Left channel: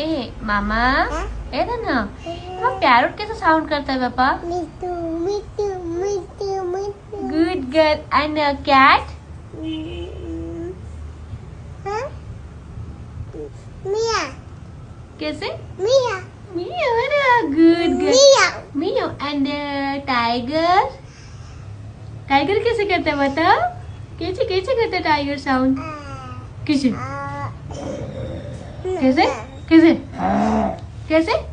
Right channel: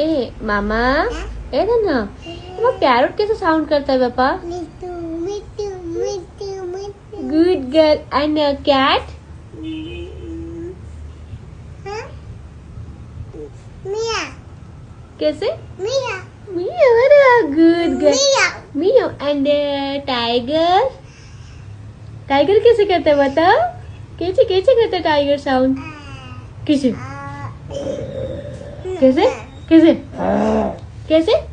ए मामा ए ना पैरोट कैसे साउंड करता है पापा? Good girl. And cat? मिया. कैसे? मिया. मिया. Good girl. मिया. And tiger? टाइगर कैसे करता है बताओ? कैसे कैसे करता है टाइगर साउंड? कैसे कैसे कैसे कैसे?